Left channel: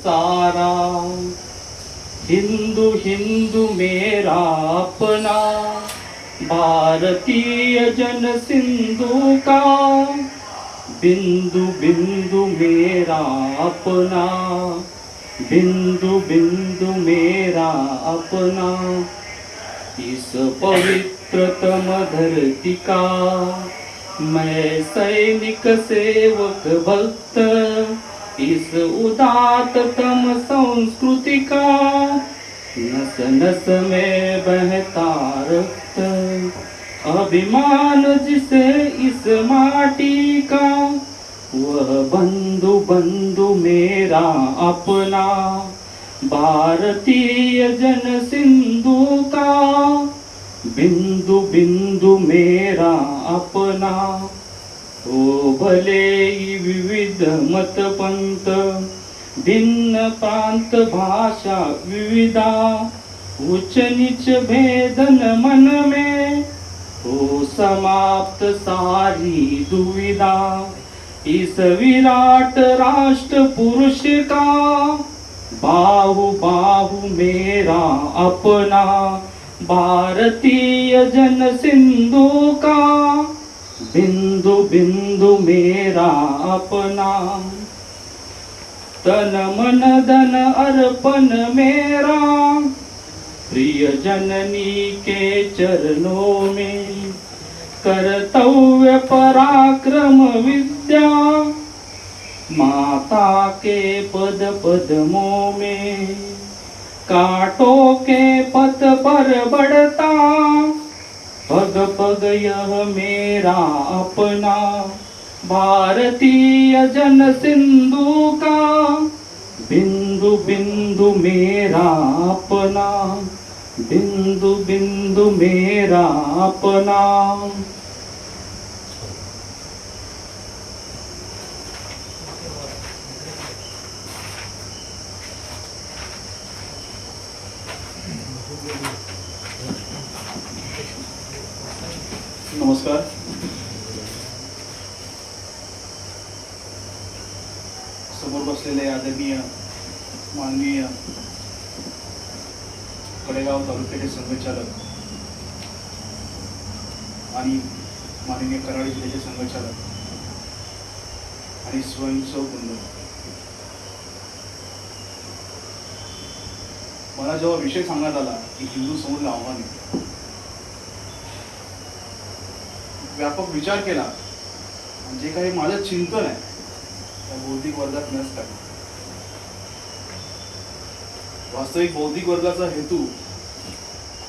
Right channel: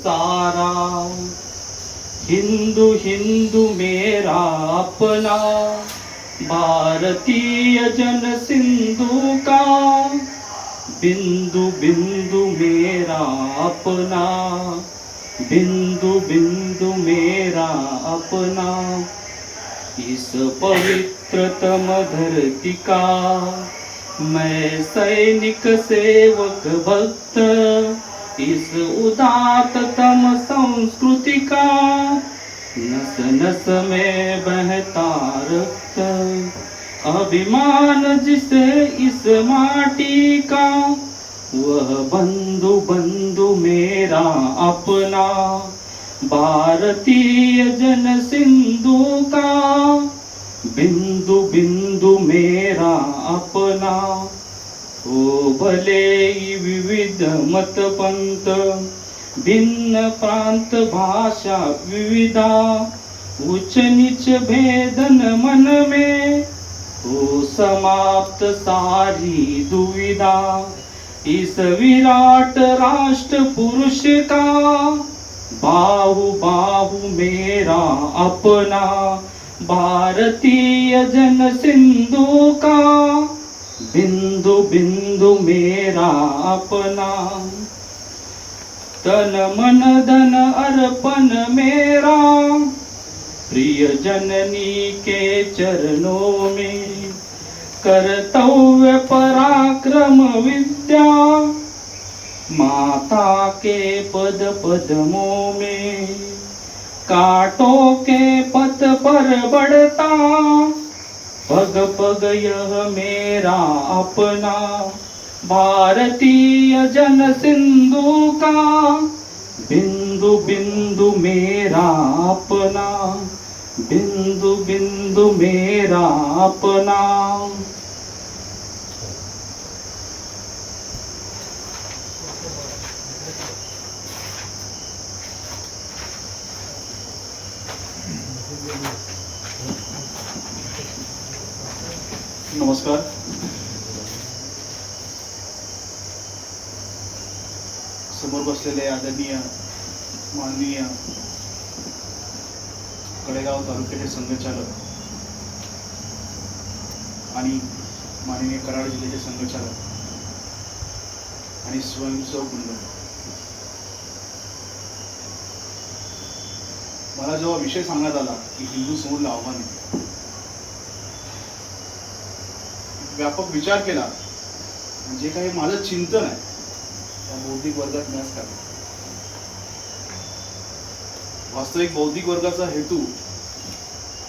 सारा। हिंदू हिंदू मेरा अपना। भारतीय जन सिंधु का। बिंदु बिंदु मेरा अपना। बिंदु बिंदु मेरा अपना। इस पवित्रतम धरती का मैं सैनिक सेवक भक्त। इस उदात्तम संस्कृति का नस नस में बहता रक्त। अभिमान जिसे इस माटी का वह बंधु बंधु मेरा अपना। भारतीय जन सिंधु का बिंदु बिंदु मेरा अपना। हो भले विविध मत पंत भिन्न प्रांत भाषा विविधा उच्च नीच भेदन मन में हो समाप्त सारी दुविधा इस विराट राष्ट्र पुरुष का बाहु बाहु मेरा अपना भारतीय जन सिंधु का बिंदु बिंदु मेरा अपना। तन मन धन अर्पण मेरा। प्रिय जननी के चरणों में कर्तव्य पराक्रम विद्या। माता के पद पदमों में कांटों के पथ पर बढ़ता। पग पग यह मेरा अपना भारतीय जन सिंधु का बिंदु बिंदु मेरा अपना बिंदु बिंदु मेरा अपना। नमस्कार. समोर बसलेले आदरणीय माननीय कडेगाव तालुक्याचे संघचालक आणि माननीय कराड जिल्ह्याचे संघचालक आणि स्वयंसेवक मंडळ मला जेव्हा विषय सांगण्यात आला की हिंदू समोर आव्हान आहे व्यापक विचार केला जे काही माझं चिंतन आहे त्या बौद्धिक वर्गात मी टाकलं वास्तविक बौद्धिक वर्गाचा हेतू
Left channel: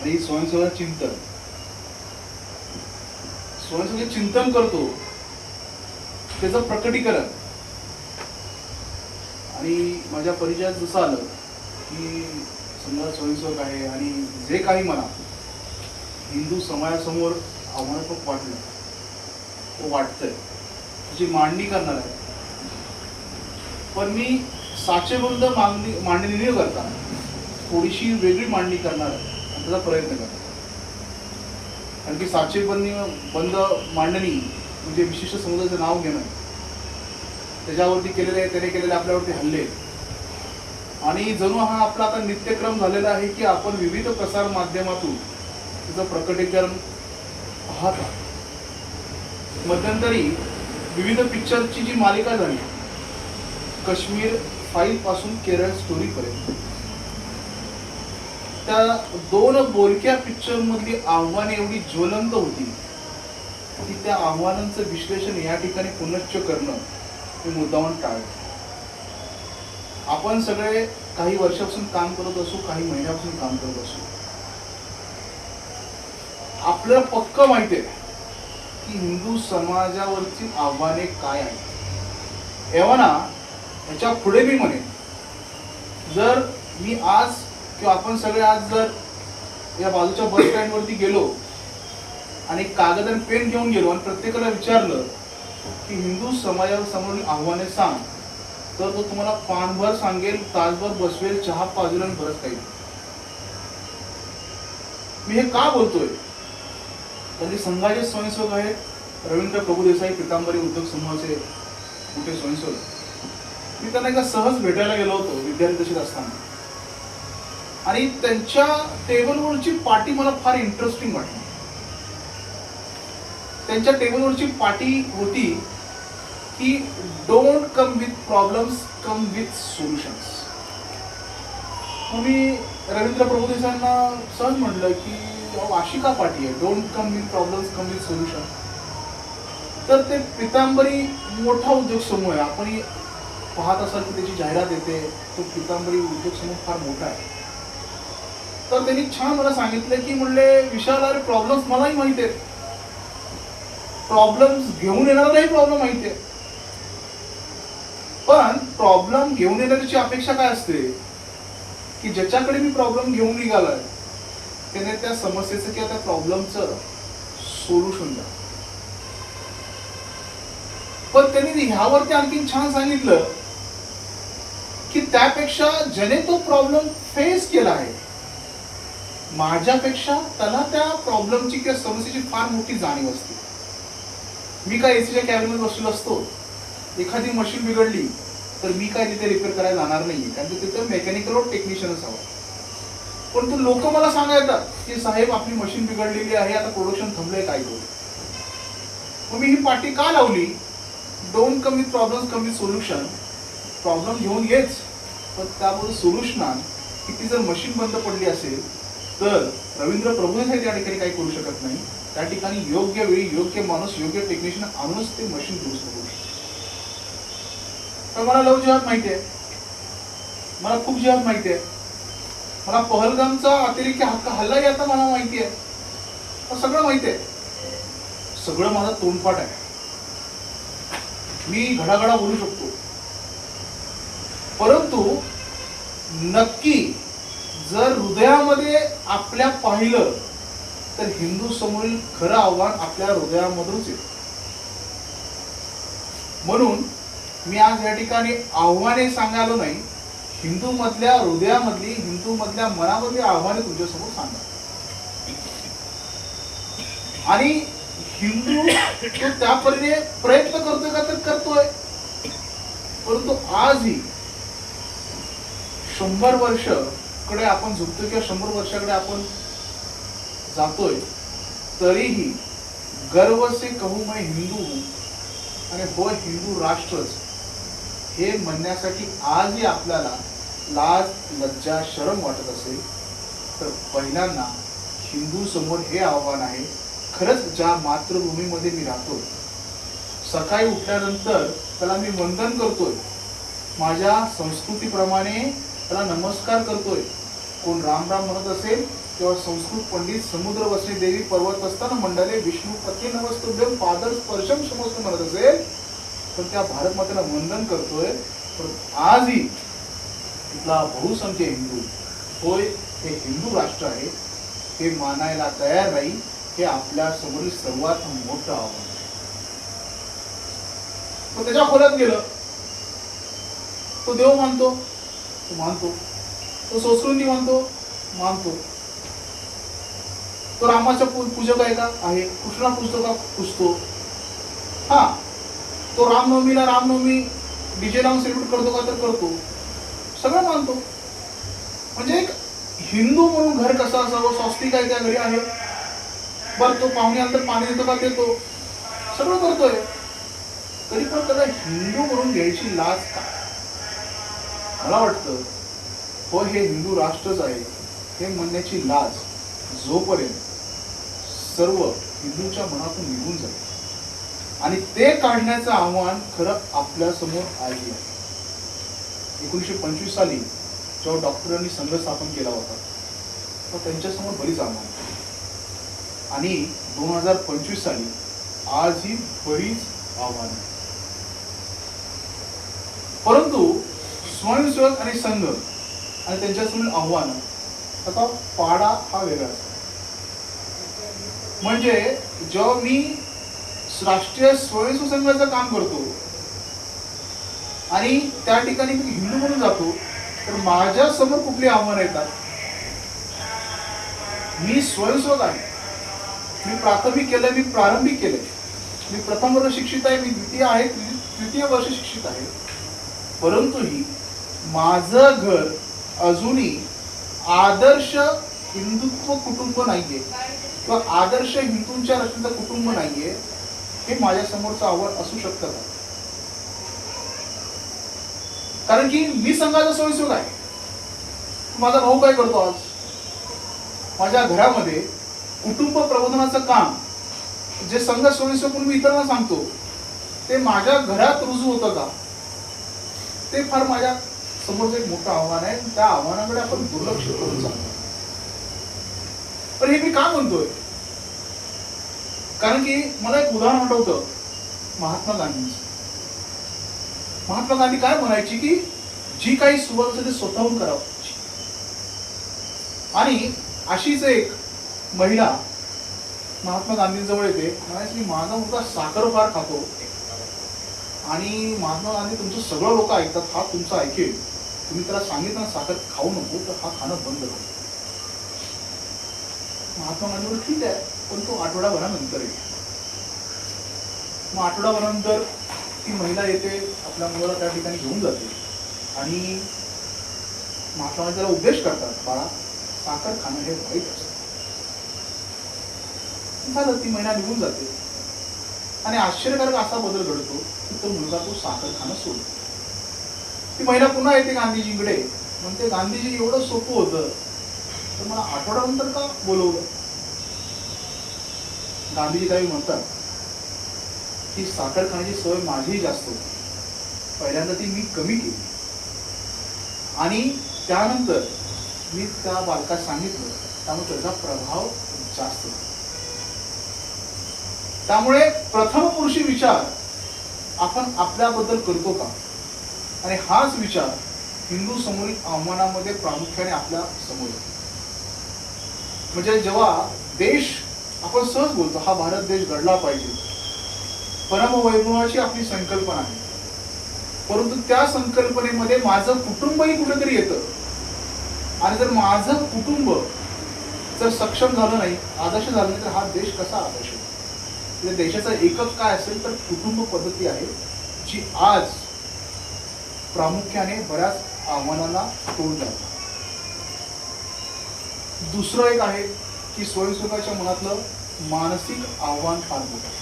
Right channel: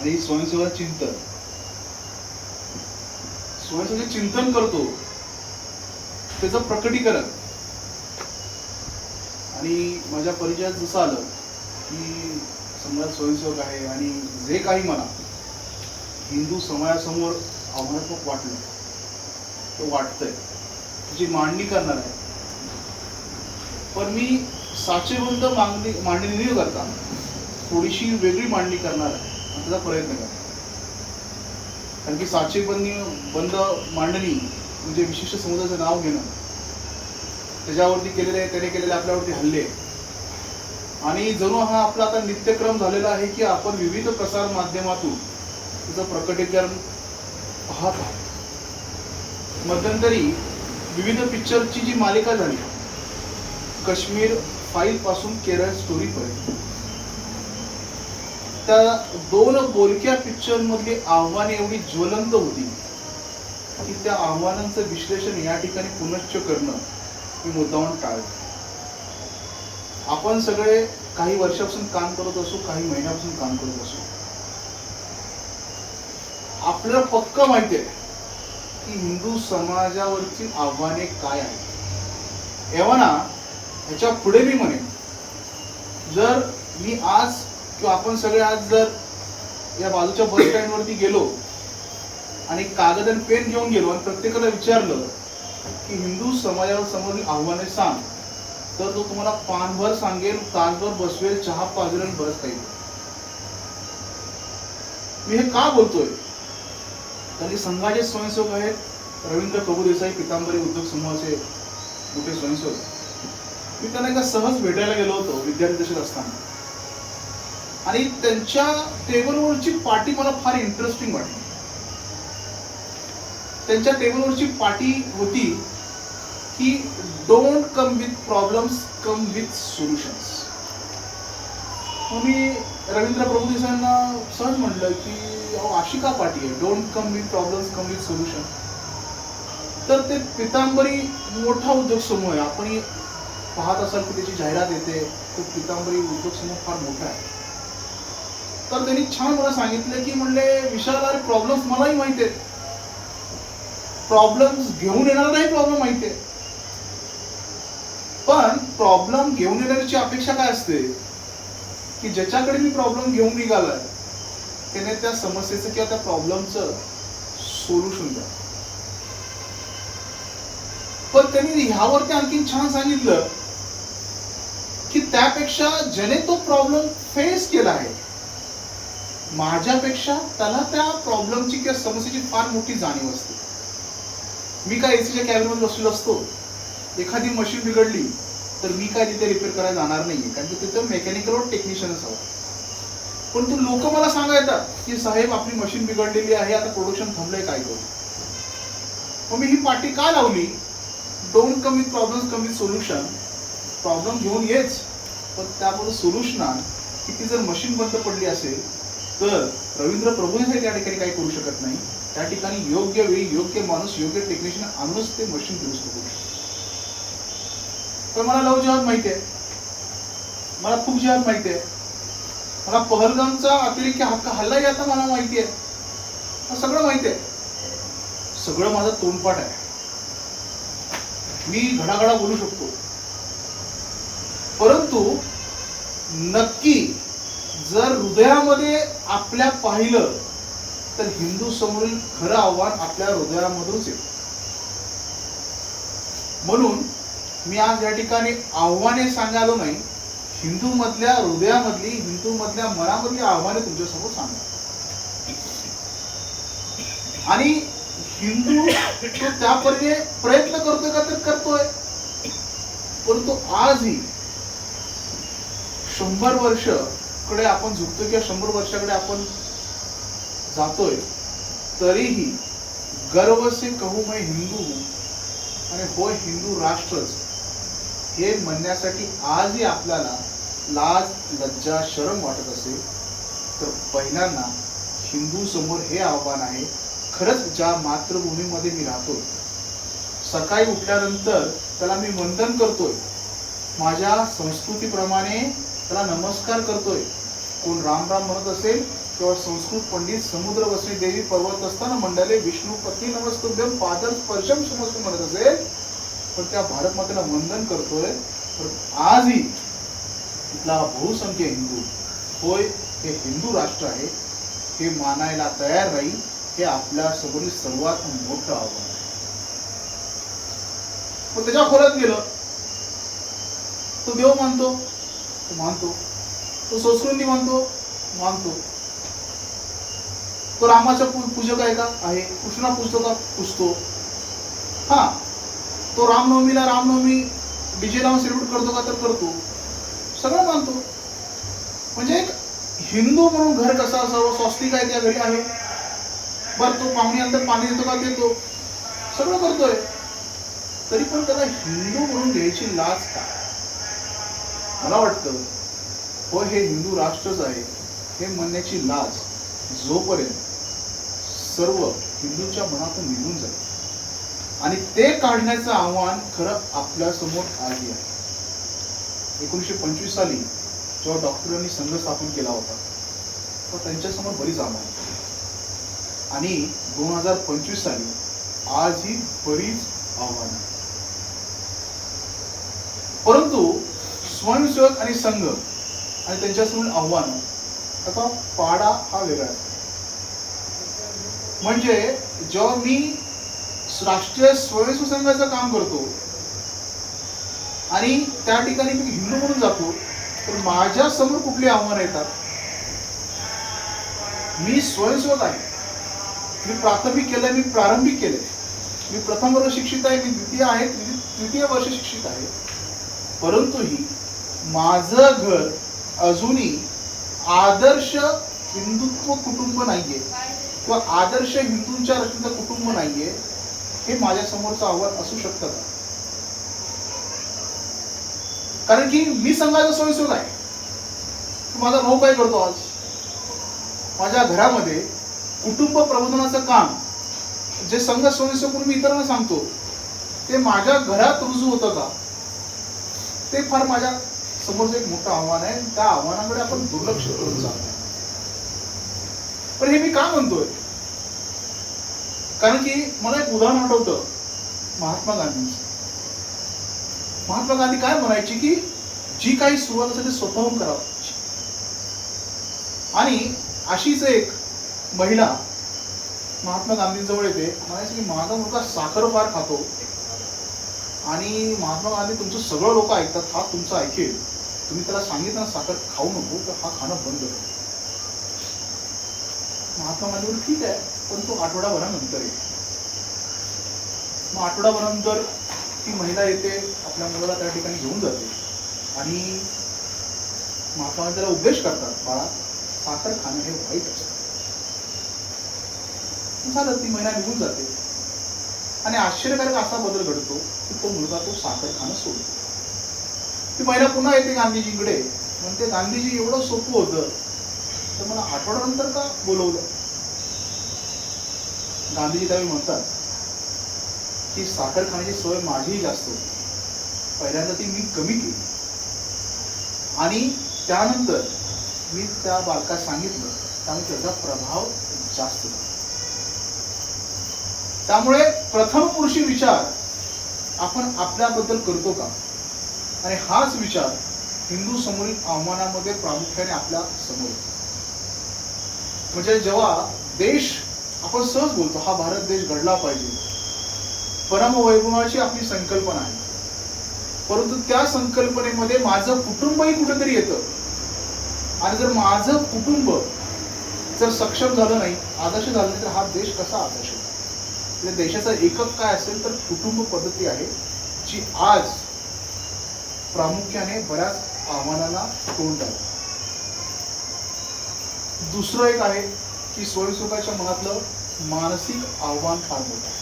आणि स्वयंसेवा चिंतन. स्वयंसेवा चिंतन करतो त्याचं प्रकटीकरण. आणि माझ्या परिचयात जसं आलं की समजा स्वयंसेवक आहे आणि जे काही मला हिंदू समाजासमोर आव्हानात्मक वाटलं वाटतंय. त्याची मांडणी करणार आहे. पण मी साचेबंद मागणी मांडणी न करता थोडीशी वेगळी मांडणी करणार आहे. त्याचा प्रयत्न करणार कारण की साचेबंदी बंद मांडणी म्हणजे विशिष्ट समुदायाचं नाव घेणं त्याच्यावरती केलेले त्याने केलेले आपल्यावरती हल्ले. आणि जणू हा आपला आता नित्यक्रम झालेला आहे की आपण विविध प्रसार माध्यमातून तिचं प्रकटीकरण पाहत आहोत. मध्यंतरी विविध पिक्चरची जी मालिका झाली काश्मीर फाईल पासून केरळ स्टोरीपर्यंत त्या दोन बोलक्या पिक्चर मधली आव्हाने एवढी ज्वलंत होती की त्या आव्हानांचं विश्लेषण या ठिकाणी पुनश्च करणं मी मुद्दामून टाळलं. आपण सगळे काही वर्षापासून काम करत असू काही महिन्यापासून काम करत असू आपल्याला पक्क माहिती आहे. की हिंदू समाजावरची आव्हाने काय आहेत? एव्हाना ह्याच्या पुढे मी म्हणेन जर मी आज किंवा आपण सगळे आज जर या बाजूच्या बस स्टँडवरती गेलो आणि कागद आणि पेन घेऊन गेलो आणि प्रत्येकाला विचारलं की हिंदू समाजावर समोर आव्हाने सांग तर तो तुम्हाला पानभर सांगेल तासभर बसवेल चहा पाजवेल आणि बरंच काही. मी हे का बोलतोय? त्यांनी संघाचे स्वयंसेवक आहेत. रवींद्र प्रभुदेसाई पितांबरी उद्योग समूहाचे मोठे स्वयंसेवक. मी त्यांना एकदा सहज भेटायला गेलो होतो विद्यार्थी दशेत असताना. आणि त्यांच्या टेबलवरची पाटी मला फार इंटरेस्टिंग वाटली. त्यांच्या टेबलवरची पाटी होती की don't come with problems come with solutions मग मी रवींद्र प्रभुदेसांना सहज म्हटलं की आशिका पाटी पाठी आहे. Don't come with problems come with solution तर ते पितांबरी मोठा उद्योग समूह आहे. आपण पाहत असाल की त्याची जाहिरात येते. तो पितांबरी उद्योग समूह फार मोठा आहे. तर त्यांनी छान मला सांगितलं की म्हणले विशाल अरे प्रॉब्लेम्स मलाही माहिती आहेत. प्रॉब्लेम्स घेऊन येणाराही प्रॉब्लेम माहिती आहे पण प्रॉब्लेम घेऊन येण्याची अपेक्षा काय असते? की ज्याच्याकडे मी प्रॉब्लेम घेऊन निघालाय त्याने त्या समस्येचं किंवा त्या प्रॉब्लेमचं सोल्युशन द्या. पण त्यांनी ह्यावरती आणखी छान सांगितलं की त्यापेक्षा ज्याने तो प्रॉब्लेम फेस केला आहे माझ्यापेक्षा त्याला त्या प्रॉब्लेमची किंवा समस्येची फार मोठी जाणीव असते. मी काय एसीच्या कॅबिनमध्ये बसलेलो असतो एखादी मशीन बिघडली तर मी काय तिथे रिपेअर करायला जाणार नाही कारण की तिथं मेकॅनिकल टेक्निशियनच हवं परंतु लोक मला सांगायतात की साहेब आपली मशीन बिघडलेली आहे आता प्रोडक्शन थांबलंय काय करू मग मी ही पाठी का लावली? डोंट कमी प्रॉब्लेम कमी सोल्युशन प्रॉब्लेम घेऊन येच. पण त्याबरोबर सोल्युशनात की ती जर मशीन बंद पडली असेल तर रवींद्र प्रभू हे त्या ठिकाणी काही करू शकत नाही. त्या ठिकाणी योग्य वेळी योग्य माणूस योग्य टेक्निशियन आणूनच ते मशीन दुरुस्त करू शकतो तर मला लव जिहाद माहिती आहे. मला खूप जेव्हा माहिती आहे. मला पहलगामचा अतिरेकी हक्क हल्लाही आता मला माहिती आहे. सगळं माहिती आहे. सगळं माझा तोंडपाठ आहे. मी घडाघडा बोलू शकतो. परंतु नक्की जर हृदयामध्ये आपल्या पाहिलं तर हिंदू समोरील खरं आव्हान आपल्या हृदयामधूनच येतं. म्हणून मी आज या ठिकाणी आव्हाने सांगायला नाही हिंदू मधल्या हृदयामधली हिंदू मधल्या मनामधली आव्हाने तुमच्यासमोर सांगा आणि हिंदू तो त्या परीने प्रयत्न करतोय का तर करतोय. परंतु आजही शंभर वर्षकडे आपण झुकतो किंवा शंभर वर्षाकडे आपण जातोय तरीही गर्व से कहू मैं हिंदू आणि होय हिंदू राष्ट्रच. हे म्हणण्यासाठी आजही आपल्याला लाज लज्जा शरम वाटत असेल तर पहिल्यांदा हिंदू समोर हे आव्हान आहे खरंच ज्या मातृभूमीमध्ये मी राहतो सकाळी उठल्यानंतर त्याला मी वंदन करतोय. माझ्या संस्कृतीप्रमाणे त्याला नमस्कार करतोय. कोण राम राम म्हणत असेल किंवा संस्कृत पंडित समुद्र वसली देवी पर्वत असताना मंडले विष्णू पती नमस्तुभ्यम पादर स्पर्शम समस्त म्हणत असेल पण त्या भारत मातेला वंदन करतोय. तर आजही तिथला बहुसंख्य हिंदू होय हे हिंदू राष्ट्र आहे हे मानायला तयार राहील हे आपल्या समोरील सर्वात मोठं आव्हान आहे. पण त्याच्या खोलात गेलं. तो देव मानतो तो मानतो. तो संस्कृती मानतो मानतो. तो रामाचा पू- पूजक आहे का? आहे. कृष्णा पूजतो का पुजतो. हा. तो रामनवमीला रामनवमी डीजे लावून सेलिब्रेट करतो का? तर करतो. सगळं मानतो. म्हणजे एक हिंदू म्हणून घर कसं असावं? स्वस्तिक आहे त्या घरी आहे. बरं तो पाहुण्यानंतर पाणी देतो का? देतो. सगळं करतोय. तरी पण त्याला हिंदू म्हणून घ्यायची लाज का? मला वाटतं हो हे हिंदू राष्ट्रच आहे. हे म्हणण्याची लाज जोपर्यंत सर्व हिंदूच्या मनातून निघून जाईल. आणि ते काढण्याचं आव्हान खरं आपल्यासमोर आहे. एकोणीसशे पंचवीस साली जेव्हा डॉक्टरांनी संघ स्थापन केला होता तर त्यांच्यासमोर बरीच आव्हानं होती. आणि दोन हजार पंचवीस साली आजही बरीच आव्हानं परंतु स्वयंसेवक आणि संघ आणि त्यांच्यासमोर आव्हानं आता पाडा हा वेगळा म्हणजे जेव्हा मी राष्ट्रीय स्वयंसेवक संघाचं काम करतो आणि त्या ठिकाणी मी हिंदू म्हणून जातो तर माझ्यासमोर कुठली आव्हानं येतात? मी स्वयंस्वत आहे. मी प्राथमिक केलं मी प्रारंभिक केलं मी प्रथम वर्ष शिक्षित आहे मी द्वितीय आहे तृतीय- वर्ष शिक्षित आहे. परंतु ही माझं घर अजूनही आदर्श हिंदुत्व कुटुंब नाहीये किंवा आदर्श हिंदूंच्या रचनेचं कुटुंब नाहीये हे माझ्यासमोरचं आव्हान असू शकतं का? कारण की मी संघाचा स्वयंसेवक आहे. माझा भाऊ काय करतो आज? माझ्या घरामध्ये कुटुंब प्रबोधनाचं काम जे संघ स्वयंसेवक म्हणून मी इतरांना सांगतो ते माझ्या घरात रुजू होतं का ते फार माझ्या समोरचं एक मोठं आव्हान आहे. त्या आव्हानाकडे आपण दुर्लक्ष करून जातो पण हे मी का म्हणतोय? कारण की मला एक उदाहरण आठवतं. महात्मा गांधींचं महात्मा गांधी काय म्हणायची की जी काही सुरुवात असेल ते स्वतःहून करावं. आणि अशीच एक महिला महात्मा गांधींजवळ येते. म्हणायचं की माझा मुलगा साखर फार खातो. आणि महात्मा गांधी तुमचं सगळं लोक ऐकतात हा तुमचं ऐकेल. तुम्ही त्याला सांगितलं साखर खाऊ नको तर हा खाणं बंद करू. महात्मा गांधी ठीक आहे पण तो आठवडाभरानंतर येईल. मग आठवडाभरानंतर ती महिला येते. आपल्या मुलाला त्या ठिकाणी घेऊन जाते. आणि महात्मा त्याला उपदेश करतात बाळा साखर खाणं हे वाईट असतं झालं ती महिना निघून जाते. आणि आश्चर्यकारक असा बदल घडतो की तो मुलगा तो साखर खाणं सोडतो. ती महिला पुन्हा येते गांधीजींकडे. म्हणते गांधीजी एवढं सोपं होतं. तर मला आठवड्यानंतर का बोलवलं? गांधीजी काही म्हणतात की साखर खाण्याची सवय माझीही जास्त होती. पहिल्यांदा ती मी कमी केली. आणि त्यानंतर मी त्या बालकास सांगितलं त्यामुळे त्याचा प्रभाव जास्त त्यामुळे प्रथम पुरुषी विचार आपण आपल्याबद्दल करतो का? आणि हाच विचार हिंदू समोरील आव्हानामध्ये प्रामुख्याने आपल्यासमोर म्हणजे जेव्हा देश आपण सहज बोलतो हा भारत देश घडला पाहिजे. परमवैभवाची आपली संकल्पना आहे. परंतु त्या संकल्पनेमध्ये माझं कुटुंबही कुठेतरी येतं. आणि जर माझं कुटुंब जर सक्षम झालं नाही आदर्श झालं नाही तर हा देश कसा आदर्श म्हणजे देशाचा एकक काय असेल तर कुटुंब पद्धती आहे जी आज प्रामुख्याने बऱ्याच आव्हानांना तोंड द्यावं दुसरं एक आहे की स्वयंसेवकाच्या मनातलं मानसिक आव्हान फार मोठं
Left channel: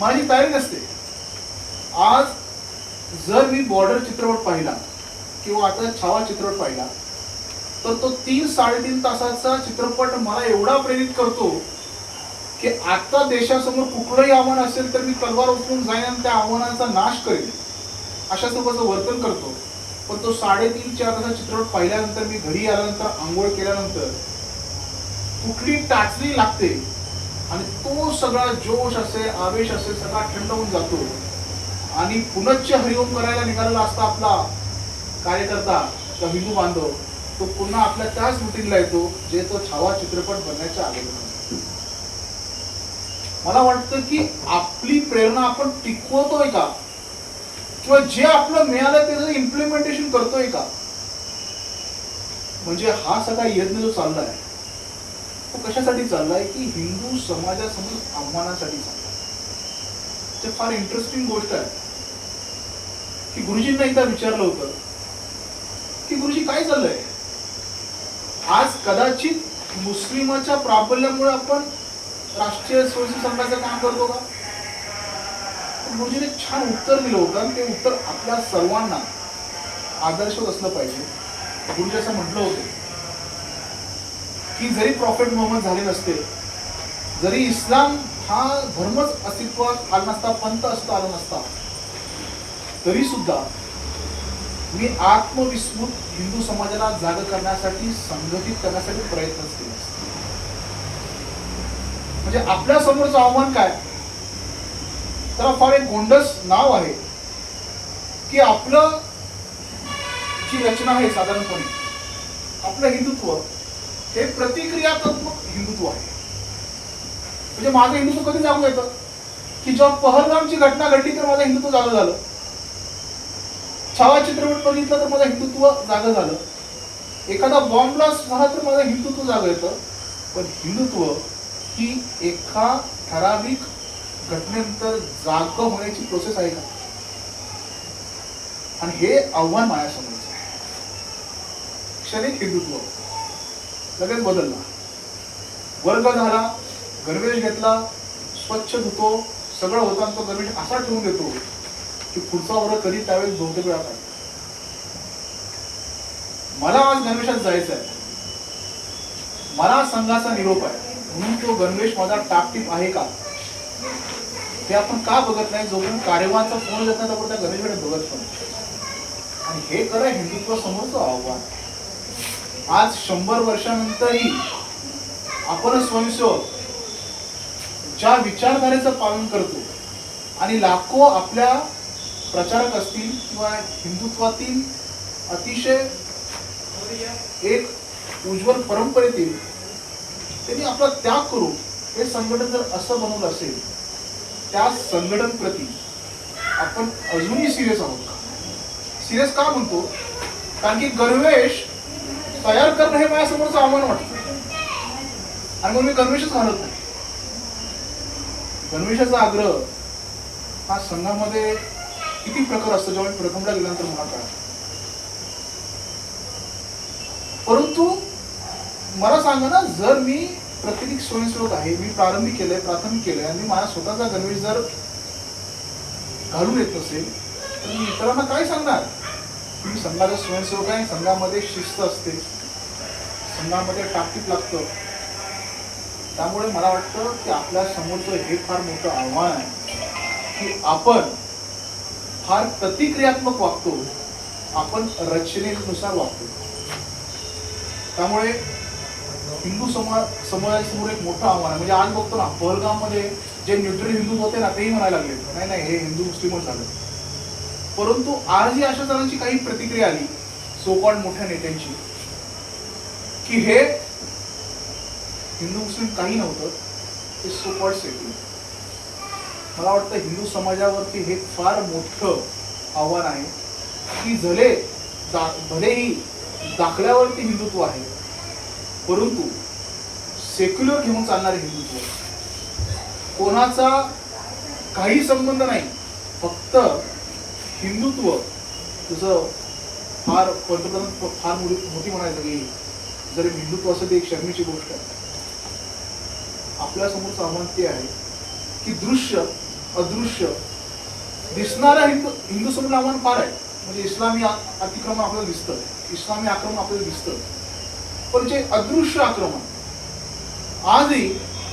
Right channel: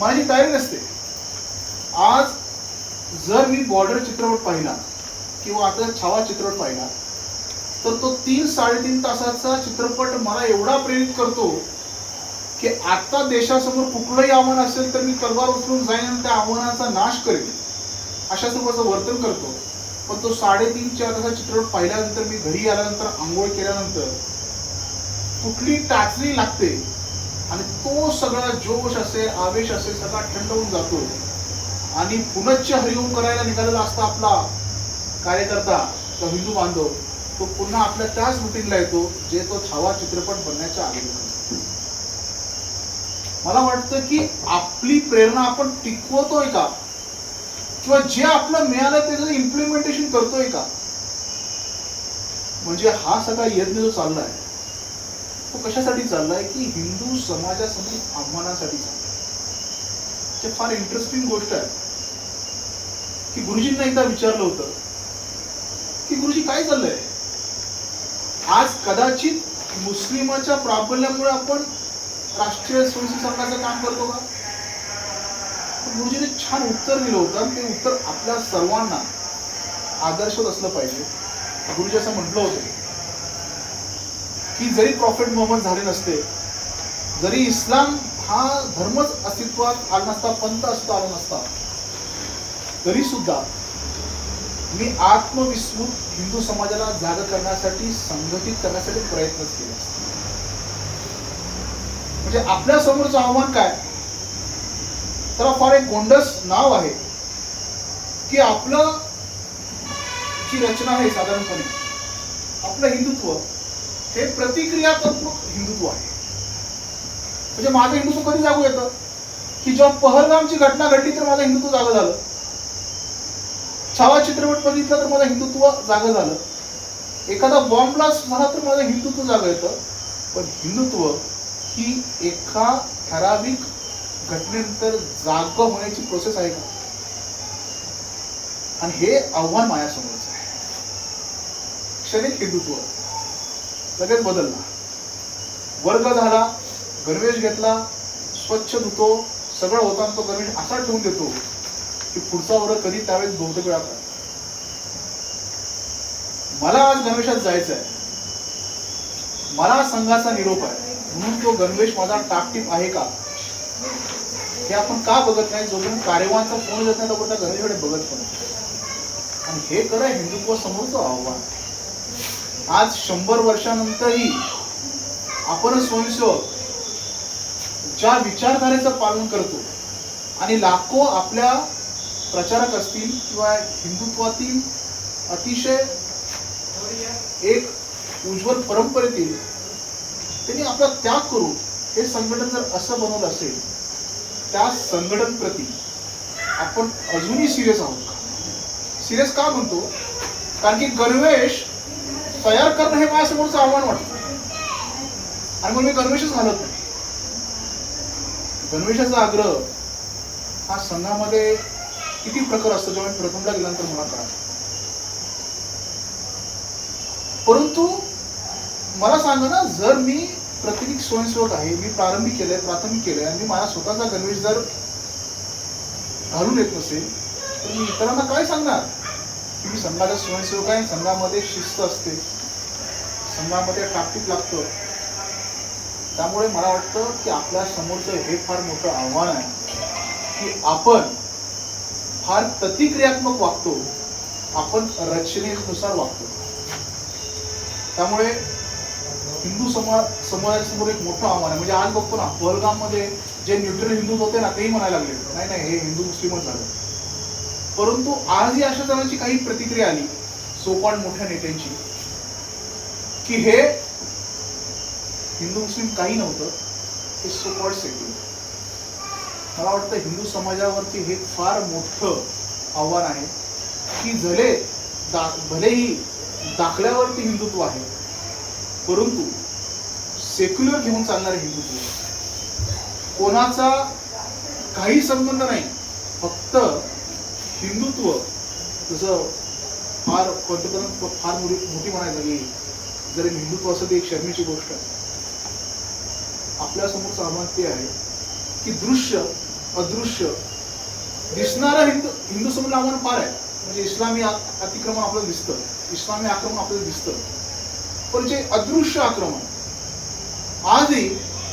माझी तयारी नसते. आज जर मी बॉर्डर चित्रपट पाहिला किंवा आता छावा चित्रपट पाहिला तर तो तीन साडेतीन तासाचा चित्रपट मला एवढा प्रेरित करतो की आता देशासमोर कुठलंही आव्हान असेल तर मी तलवार उचलून जाईन आणि त्या आव्हानाचा नाश करेन. अशा स्वरूपाचं वर्तन करतो. पण तो साडेतीन चार तासाचा चित्रपट पाहिल्यानंतर मी घरी आल्यानंतर आंघोळ केल्यानंतर कुठली टाचणी लागते आणि तो सगळा जोश असेल आवेश असेल सगळा थंड होऊन जातो. आणि पुनच्च हरिओम करायला निघालेला असता आपला कार्यकर्ता किंवा हिंदू बांधव तो पुन्हा आपल्या त्याच रुटीनला येतो जे तो छावा चित्रपट बनण्याच्या आलेला मला वाटतं की आपली प्रेरणा आपण टिकवतोय का? किंवा जे आपलं मिळालंय त्याचं इम्प्लिमेंटेशन करतोय का? म्हणजे हा सगळा यज्ञ जो चाललाय तो कशासाठी चाललाय? की हिंदू समाजासमोर आव्हानासाठी चाललाय. ते फार इंटरेस्टिंग गोष्ट आहे. की गुरुजींना एकदा विचारलं होतं की गुरुजी काय झालंय? आज कदाचित मुस्लिमाच्या प्राबल्यामुळे आपण राष्ट्रीय स्वयंसेवी संघाचं काम करतो का? गुरुजीने छान उत्तर दिलं होतं आणि ते उत्तर आपल्या सर्वांना आदर्शवत असलं पाहिजे. गुरुजी असं म्हटलं होतं की जरी प्रॉफिट मोहम्मद झाले नसते जरी इस्लाम हा धर्मच अस्तित्वात आला नसता पंथ असता आला नसता तरी सुद्धा मी आत्मविस्मृत हिंदू समाजाला जाग करण्यासाठी संघटित करण्यासाठी प्रयत्न केले म्हणजे आपल्या समोरचं आव्हान काय? तर फार एक गोंडस नाव आहे की आपलं जी रचना आहे साधारणपणे आपलं हिंदुत्व हे प्रतिक्रियात्मक हिंदुत्व आहे. म्हणजे माझं हिंदुत्व कधी जागू येतं? की जेव्हा पहलगामची घटना घडली तर माझं हिंदुत्व जागं झालं. छावा चित्रपट बघितला तर माझं हिंदुत्व जागं झालं. एखादा बॉम्ब ब्लास्ट झाला तर माझं हिंदुत्व जागं येतं. पण हिंदुत्व ही एका ठराविक घटनेनंतर जाग होण्याची प्रोसेस आहे का? आणि हे आव्हान माझ्यासमोरच आहे. क्षणिक हिंदुत्व. लगेच बदलला. वर्ग झाला गणवेश घेतला स्वच्छ धुतो सगळं होतं आणि तो गणवेश असा ठेवून देतो की पुढचा वर्ग कधी त्यावेळेस बहुतेक वेळा मला आज गणवेशात जायचं आहे मला संघाचा निरोप आहे. म्हणून तो गणवेश माझा टापटीप आहे का? हे आपण का बघत नाही? जोपर्यंत कार्यवाहचा फोन येत नाही तोपर्यंत गणेशकडे बघत नाही. आणि हे खरं हिंदुत्व समोरचं आव्हान आज शंभर वर्षानंतरही आपण स्वयंसेवक ज्या विचारधारेचं पालन करतो आणि लाखो आपल्या प्रचारक असतील किंवा हिंदुत्वातील अतिशय एक उज्ज्वल परंपरेतील त्यांनी आपला त्याग करून हे संघटन जर असं बनवलं असेल त्या संघटन प्रती आपण अजूनही सिरियस आहोत का? सिरियस का म्हणतो? कारण की गणवेश तयार करणं हे माझ्यासमोरचं आव्हान वाटतं. आणि मग मी गणवेशच घालत नाही. गणवेशाचा आग्रह हा संघामध्ये किती प्रकार असतो? जेव्हा मी प्रथमला गेल्यानंतर मला कळा परंतु मला सांगा ना जर मी प्रत्येक स्वयंसेवक आहे मी प्रारंभी केलंय प्राथमिक केलंय आणि मी माझा स्वतःचा गणवेश जर घालून येत नसेल तर मी इतरांना काय सांगणार? तुम्ही संघाचे स्वयंसेवक आहे संघामध्ये शिस्त असते. संघामध्ये टाकीत लागतं. त्यामुळे मला वाटतं की आपल्या समोरचं हे फार मोठं आव्हान आहे की आपण फार प्रतिक्रियात्मक वागतो आपण रचनेनुसार वागतो. त्यामुळे हिंदू समाज समाजासमोर एक मोठं आव्हान आहे. म्हणजे आज बघतो ना पहलगाममध्ये जे न्यूट्रल हिंदू होते ना तेही म्हणायला लागले. नाही नाही हे हिंदू मुस्लिमच झाले. परंतु आजही अशा जणांची काही प्रतिक्रिया आली सोपान मोठ्या नेत्यांची की हे हिंदू मुस्लिम काही नव्हतं ते सोकॉल सेक्युलर मला वाटतं हिंदू समाजावरती हे फार मोठं आव्हान आहे की झले दा भलेही दाखल्यावरती हिंदुत्व आहे परंतु सेक्युलर घेऊन चालणारे हिंदुत्व कोणाचा काही संबंध नाही फक्त हिंदुत्व. जसं फार पंतप्रधान फार मोठी मोठी म्हणायला की जरी हिंदुत्व असं ते एक शर्मेची गोष्ट. आहे आपल्यासमोरचं आव्हान ते आहे की दृश्य अदृश्य. दिसणारा हिंदू हिंदू समोर फार आहे. म्हणजे इस्लामी अतिक्रमण आपल्याला दिसतं. इस्लामी आक्रमण आपल्याला दिसतं. पण जे अदृश्य आक्रमण आजही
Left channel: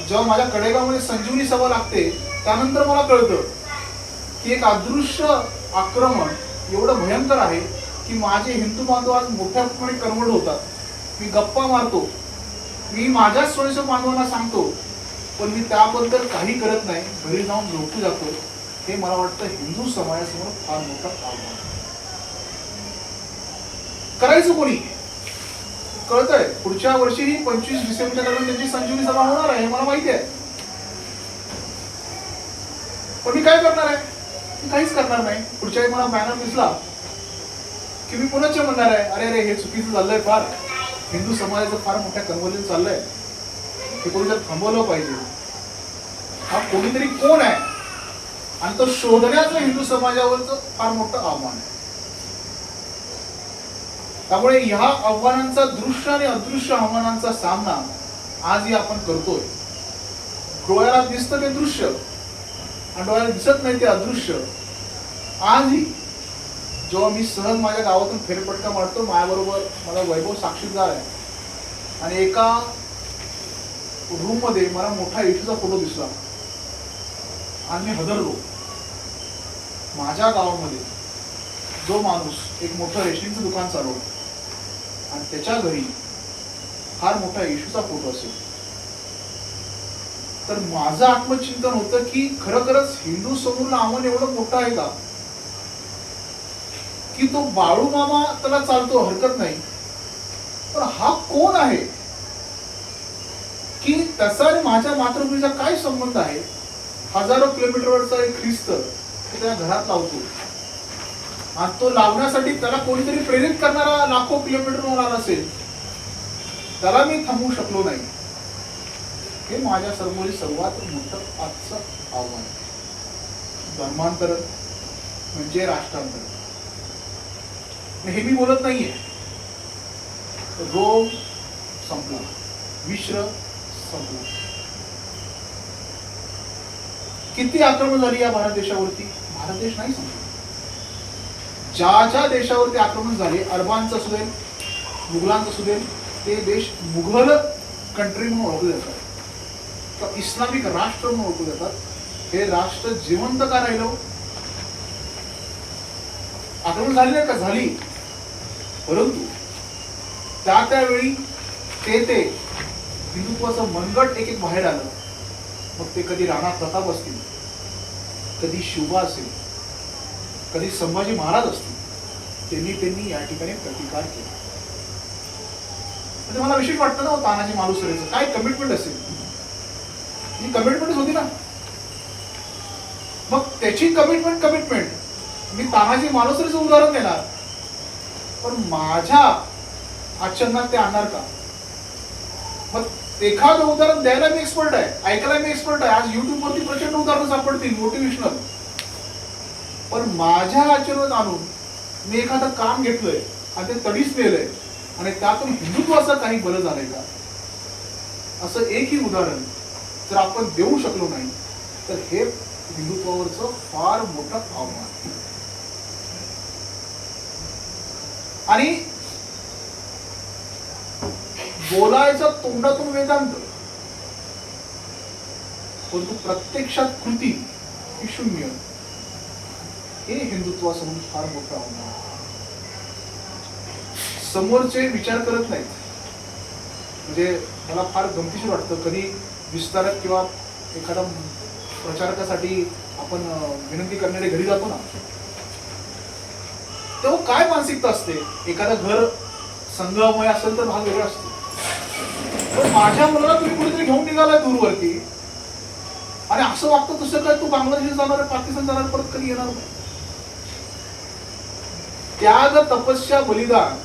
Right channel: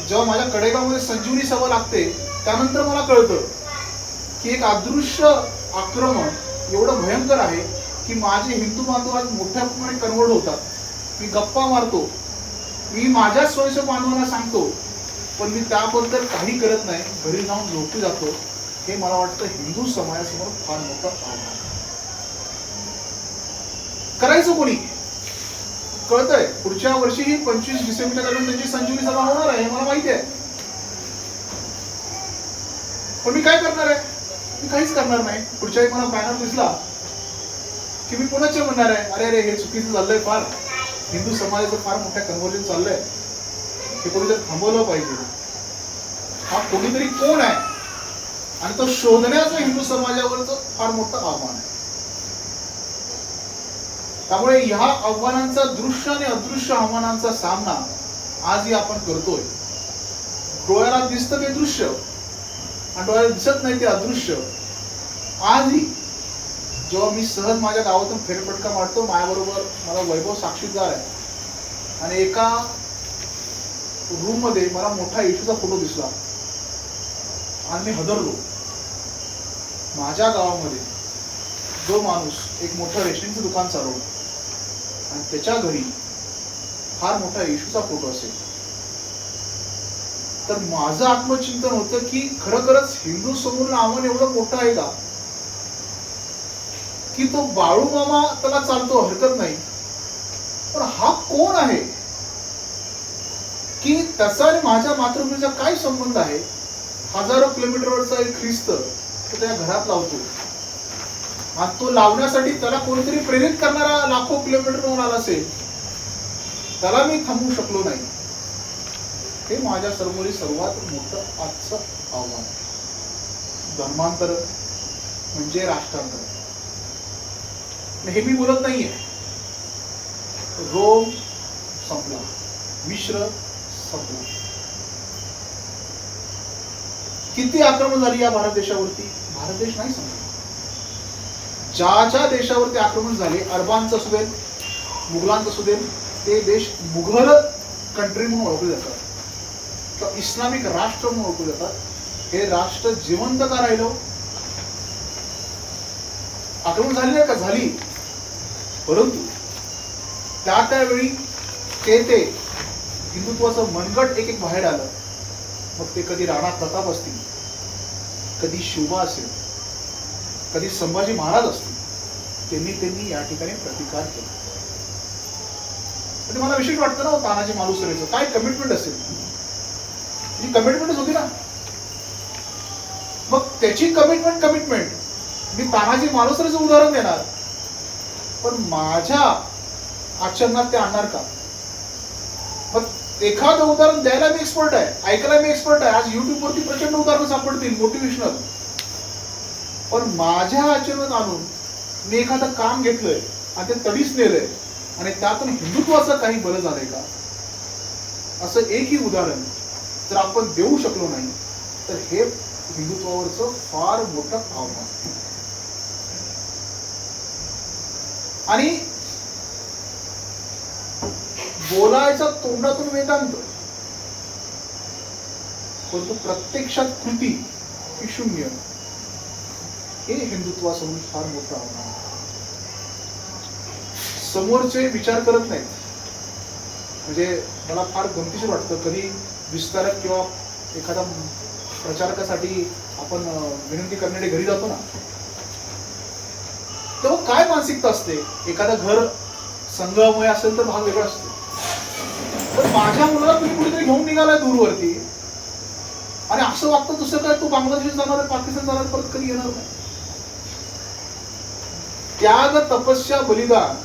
जेव्हा माझ्या कडेगावमध्ये संजीवनी सभा लागते त्यानंतर मला कळतं की एक अदृश्य आक्रमण एवढं भयंकर आहे की माझे हिंदू बांधव आज मोठ्या प्रमाणे कन्वर्ट होतात. मी गप्पा मारतो. मी माझ्या स्वयंसेवक बांधवांना सांगतो पण मी त्याबद्दल काही करत नाही. घरी जाऊन झोपू जातो. हे मला वाटतं हिंदू समाजासमोर फार मोठं आव्हान आहे. करायचं कोणी? कळतंय. पुढच्या वर्षी ही पंचवीस डिसेंबरच्या दरम्यान त्यांची संजीवनी सभा होणार आहे हे मला माहिती आहे. पण मी काय करणार आहे? मी काहीच करणार नाही. पुढच्या वेळी मला बॅनर दिसला की मी कोणाच्या म्हणणार आहे. अरे अरे हे चुकीचं चाललंय फार. हिंदू समाजाचं फार मोठ्या कन्वर्जन चाललंय. हे कोणी थांबवलं पाहिजे. हा कोणीतरी कोण आहे? आणि तो शोधण्याचं हिंदू समाजावरचं फार मोठं आव्हान आहे. त्यामुळे ह्या आव्हानांचा दृश्य आणि अदृश्य आव्हानांचा सामना आजही आपण करतोय. डोळ्याला दिसतं ते दृश्य आणि डोळ्याला दिसत नाही ते अदृश्य. आजही जेव्हा मी सहज माझ्या गावातून फेरपटका मारतो माझ्याबरोबर मला वैभव साक्षीदार आहे. आणि एका रूममध्ये मला मोठा येशूचा फोटो दिसला. आणि मी हदरलो माझ्या गावामध्ये जो माणूस एक मोठं रेशनिंगचं दुकान चालवलं आणि त्याच्या घरी फार मोठा येशूचा फोटो असेल. तर माझं आत्मचिंतन होतं की खरोखरच हिंदू समोर आव्हान एवढं मोठं आहे का? की तो बाळू मामा त्याला चालतो हरकत नाही. पण हा कोण आहे? की त्याचा आणि माझ्या मातृभूमीचा काय संबंध आहे? हजारो किलोमीटरवरचा एक ख्रिस्त तो त्या घरात लावतो. आणि तो लावण्यासाठी त्याला कोणीतरी प्रेरित करणारा लाखो किलोमीटरवर आला असेल त्याला मी थांबवू शकलो नाही. हे माझ्या समोरील सर्वात मोठं आजचं आव्हान. आहे. म्हणजे राष्ट्रांतर. हे मी बोलत नाहीये. रोग संपला. मिश्र संपला किती आक्रमण झाली या भारत देशावरती? भारत देश नाही संपला ज्या ज्या देशावरती आक्रमण झाले अरबांचं असू देल मुघलांचं असू देल ते देश मुघल कंट्री म्हणून ओळखले जातात. किंवा इस्लामिक राष्ट्र म्हणून ओळखले जातात. हे राष्ट्र जिवंत का राहिलं? आक्रमण झाली नाही का? झाली. परंतु त्या त्यावेळी ते ते हिंदुत्वाचं मनगट एक एक बाहेर आलं मग ते कधी राणा प्रताप असतील कधी शिवबा असेल कधी संभाजी महाराज असतील त्यांनी त्यांनी या ठिकाणी प्रतिकार केला. म्हणजे मला विशेष वाटतं ना तानाजी मालुसरेचं काय कमिटमेंट असेल? ही कमिटमेंटच होती ना. मग त्याची कमिटमेंट कमिटमेंट मी तानाजी मालुसरेचं उदाहरण देणार. पण माझ्या आचरणात ते आणणार का? मग एखादं उदाहरण द्यायला मी एक्सपर्ट आहे ऐकायला मी एक्सपर्ट आहे. आज युट्यूबवरती प्रचंड उदाहरणं सापडतील मोटिवेशनल पण माझ्या आचरणात आणून मी एखादं काम घेतलंय आणि ते तडीच नेलंय आणि त्यातून हिंदुत्वाचं काही बरं झालंय का? असं एकही उदाहरण जर आपण देऊ शकलो नाही तर हे हिंदुत्वावरचं फार मोठं आव्हान आणि बोलायचा तोंडातून वेदांत. परंतु प्रत्यक्षात कृती ही शून्य. हे हिंदुत्वासमोर फार मोठं आव्हान समोरचे विचार करत नाहीत. म्हणजे मला फार गमतीशीर वाटतं. कधी विस्तारक किंवा एखादा प्रचारकासाठी आपण विनंती करणारे घरी जातो ना. तेव्हा काय मानसिकता असते? एखादं घर संघामुळे असेल तर भाग वेगळा असतो. पण माझ्या मुलाला तुम्ही कुठेतरी घेऊन निघालाय दूरवरती. आणि असं वागतं तसं काय तू बांगलादेश जाणार पाकिस्तान जाणार परत कधी येणार नाही? त्याग तपस्या बलिदान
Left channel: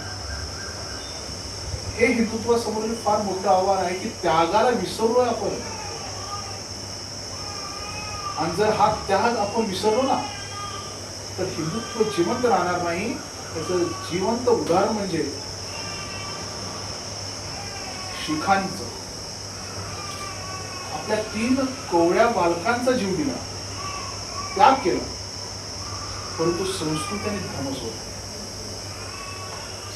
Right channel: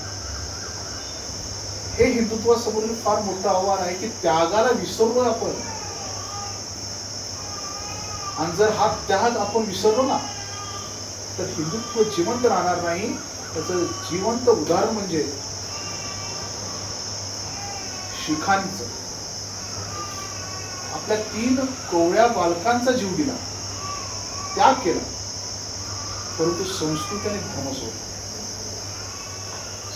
हे हिंदुत्वासमोरील फार मोठं आव्हान आहे की त्यागाला विसरलोय आपण. आणि जर हा त्याग आपण विसरलो ना तर हिंदुत्व जिवंत राहणार नाही. त्याचं जिवंत उदाहरण म्हणजे शिखांचं. आपल्या तीन कोवळ्या बालकांचा जीव दिला. त्याग केला. परंतु संस्कृती आणि धर्म सोडला.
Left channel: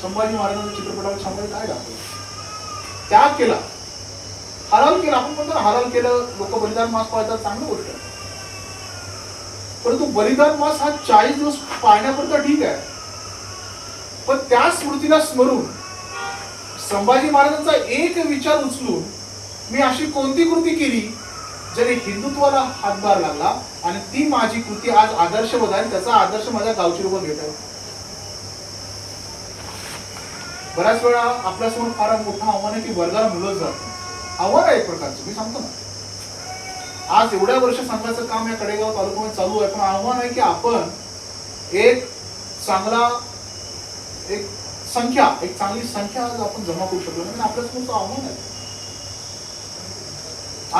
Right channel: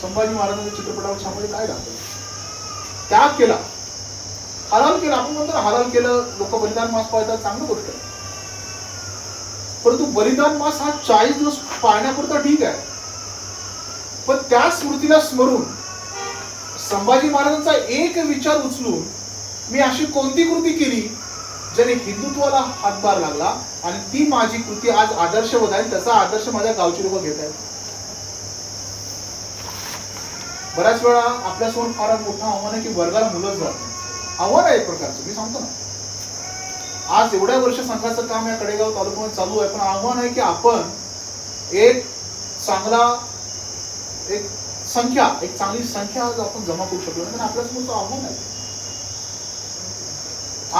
संभाजी महाराजांच्या चित्रपटावर संभाजी काय दाखवलं त्याग केला. हलाल केला. आपण म्हणतो हलाल केलं लोक बलिदान मास पाळतात चांगलं गोष्ट आहे. परंतु बलिदान मास हा चाळीस दिवस पाळण्यापुरता ठीक आहे. पण त्या स्मृतीला स्मरून संभाजी महाराजांचा एक विचार उचलून मी अशी कोणती कृती केली? ज्याने हिंदुत्वाला हातभार लागला आणि ती माझी कृती आज आदर्शवत आहे आणि त्याचा आदर्श माझ्या गावची लोक घेत आहेत. बऱ्याच वेळा आपल्यासमोर फार मोठं आव्हान आहे की वर्गाला मुलंच जात आव्हान आहे एक प्रकारचं मी सांगतो ना. आज एवढ्या वर्ष संघाचं काम या कडेगाव तालुक्यामध्ये चालू आहे पण आव्हान आहे की आपण एक चांगला एक संख्या एक चांगली संख्या आज आपण जमा करू शकलो नाही. म्हणजे आपल्यासमोरचं आव्हान आहे.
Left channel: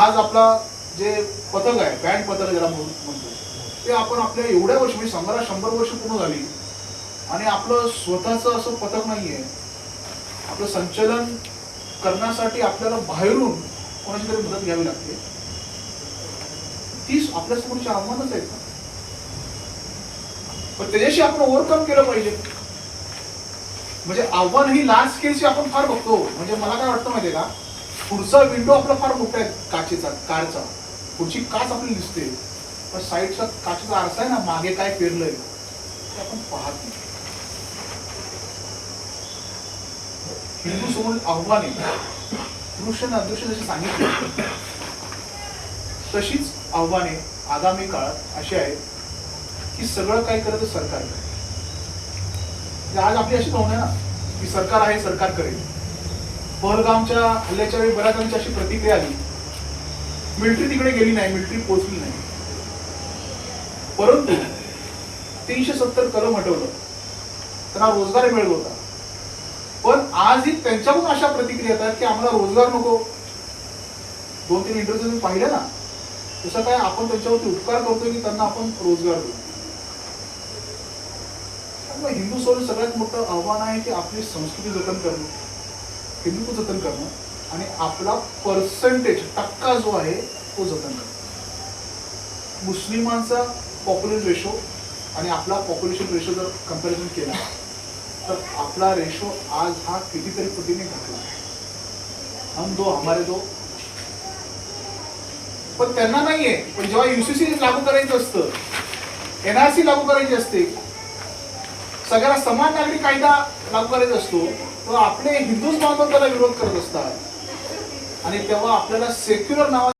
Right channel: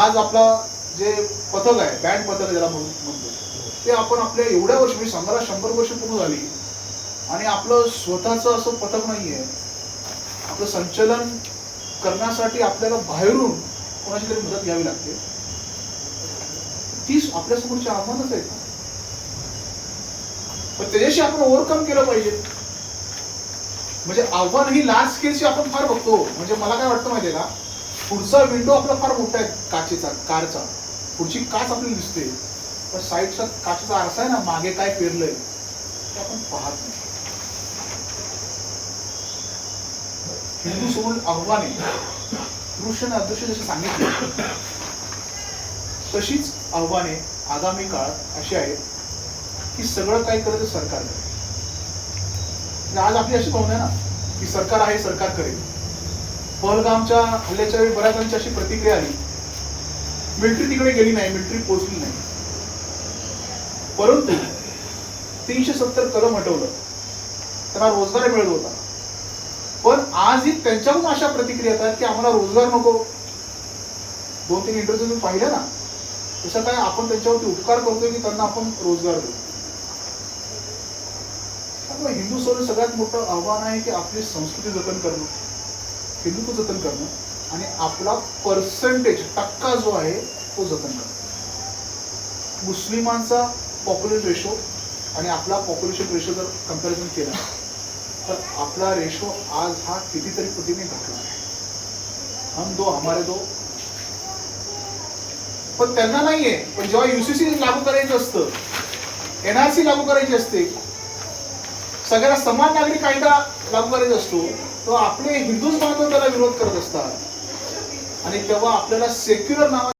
आज आपला जे पथक आहे बँड पथक ज्याला म्हणतो ते आपण आपल्या एवढ्या वर्ष म्हणजे शंभरा शंभर वर्ष पूर्ण झाली. आणि आपलं स्वतःचं असं पथक नाहीये. आपलं संचलन करण्यासाठी आपल्याला बाहेरून कोणाची तरी मदत घ्यावी लागते. तीच आपल्या समोरची आव्हानच आहेत ना. पण त्याच्याशी आपण ओव्हरकम केलं पाहिजे. म्हणजे आव्हान ही लार्ज स्केलची आपण फार बघतो. म्हणजे मला काय वाटतं माहितीये का? पुढचा विंडो आपला फार मोठा आहे काचेचा कारचा. पुढची काच आपल्याला दिसते. पण साईडचा काचेचा आरसा आहे ना मागे काय पेरलंय ते आपण पाहत नाही. हिंदू समोर आव्हाने पुरुषांना अदृश्य जसे सांगितले तशीच आव्हाने आगामी काळात अशी आहेत की सगळं काय करत सरकार करेल म्हणजे आज आपली अशी भावना आहे ना की सरकार आहे सरकार करेल. पहलगामच्या हल्ल्याच्या वेळी बऱ्याच अशी प्रतिक्रिया आली. मिलिटरी तिकडे गेली नाही मिलिटरी पोहोचली नाही. परंतु तीनशे सत्तर कलम हटवलं. त्यांना रोजगार मिळत होता. पण आजही त्यांच्याकडून अशा प्रतिक्रिया येतात की आम्हाला रोजगार नको. दोन तीन इंटरव्ह्यू तुम्ही पाहिले ना. तसं काय आपण त्यांच्यावरती उपकार करतोय की त्यांना आपण रोजगार देऊ? मग हिंदू सोडून सगळ्यात मोठं आव्हान आहे की आपली संस्कृती जतन करणं. हिंदुत्व जतन करणं आणि आपला पर्सेंटेज टक्का जो आहे तो जतन करणं. मुस्लिमांचा पॉप्युलेशन रेशो आणि आपला पॉप्युलेशन रेशो जर कंपॅरिझन केला तर आपला रेशो आज हा कितीतरी पटीने घटला आहे. हम दो हमारे दो. पण त्यांना नाहीये. पण जेव्हा युसीसी लागू करायचं असतं एनआरसी लागू करायची असते सगळ्या समान नागरी कायदा लागू करायचा असतो तेव्हा आपले हिंदूच बांधव त्याला विरोध करत असतात. आणि तेव्हा आपल्याला सेक्युलर नावा